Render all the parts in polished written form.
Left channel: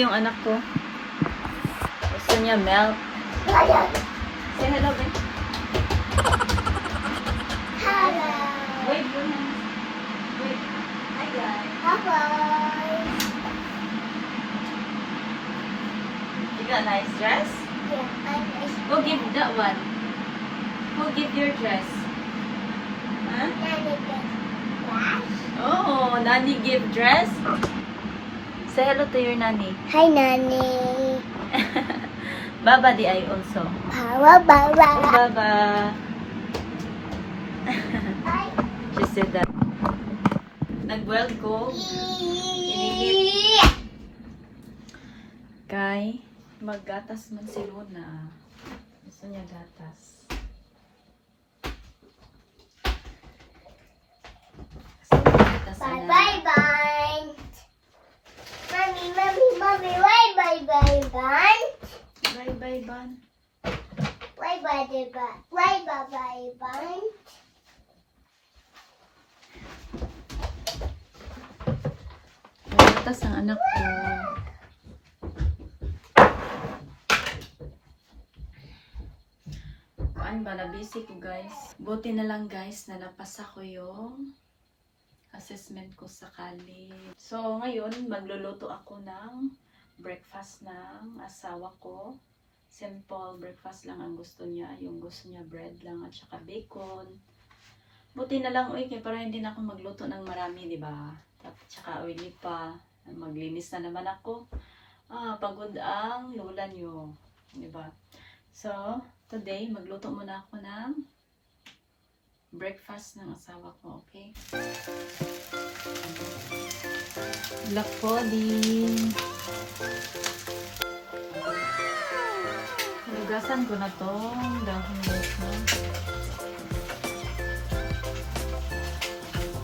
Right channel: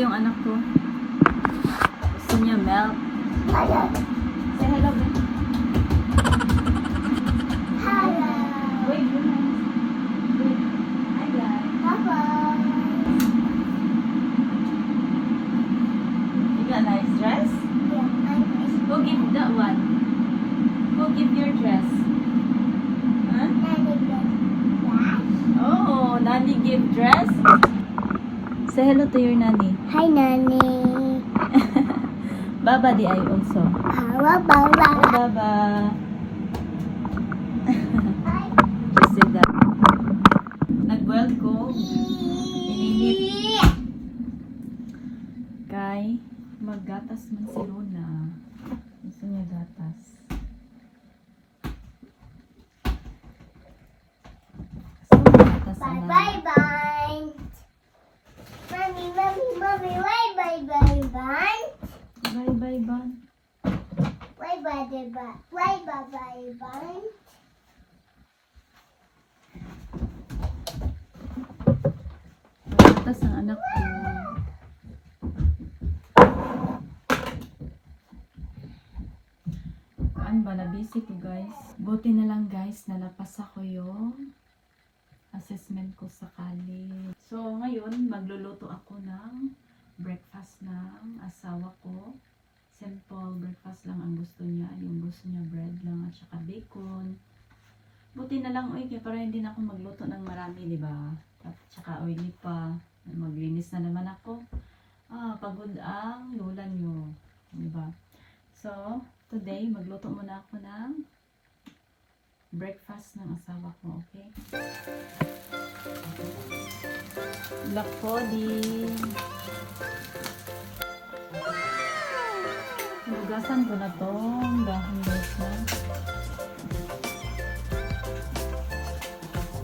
yung anak ko. Gusto niya milk. Say hello, babe. Hello. Wait, wait. Hi, guys. You got a nice dress? Who give that one? Who give your dress? Huh? Oh, Nani give dress? Say hello to your Nani. Hi, Nani. Baba di I also. Baba. Baba. She said that. Nag-boil ko. Inihit. Kay, maggatas man si Luna. Gusto niya gatas. Gatas na. Bye. Mommy. Bye, bye. Bye, Ban. Bye. Gatas ang anak ko. Kuan ba, na-busy ko guys. Buti na lang guys na napasa ko yung assessment ko sa college. So ngayon, magluluto ako ng breakfast ng asawa ko. Simple breakfast lang ang gusto niya. Yung gusto niya bread lang at saka bacon. Buti na lang, para hindi na ako magluto ng marami, di ba? At saka oily pa. Maglinis na naman ako. Pagod ang lola niyo. Di ba? So, today, magluto muna ako ng breakfast ng asawa ko, okay? Lakodi. Nagasan ko na to. Dahon nito.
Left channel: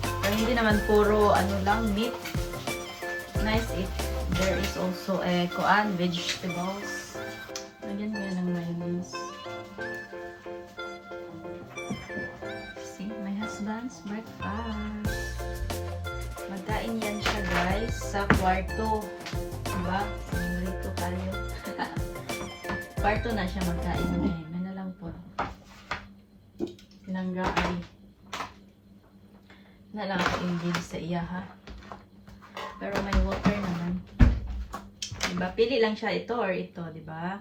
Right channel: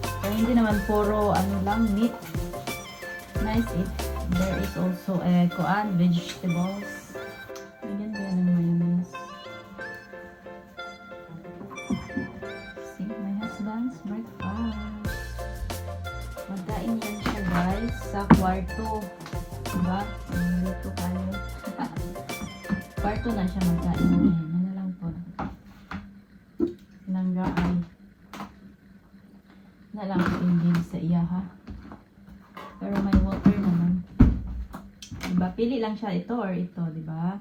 Pero hindi naman puro meat. Nice if there is also vegetables. Lagyan mo yan ng mayonnaise. See, my husband's breakfast. Magkain yan siya guys sa kwarto. Diba? Ito tayo. Kwarto na siya magkain ngayon. May na lang po. Sinangga ay na lang ako ingin sa iya ha. Pero may water naman. Diba? Pili lang siya ito or ito, diba?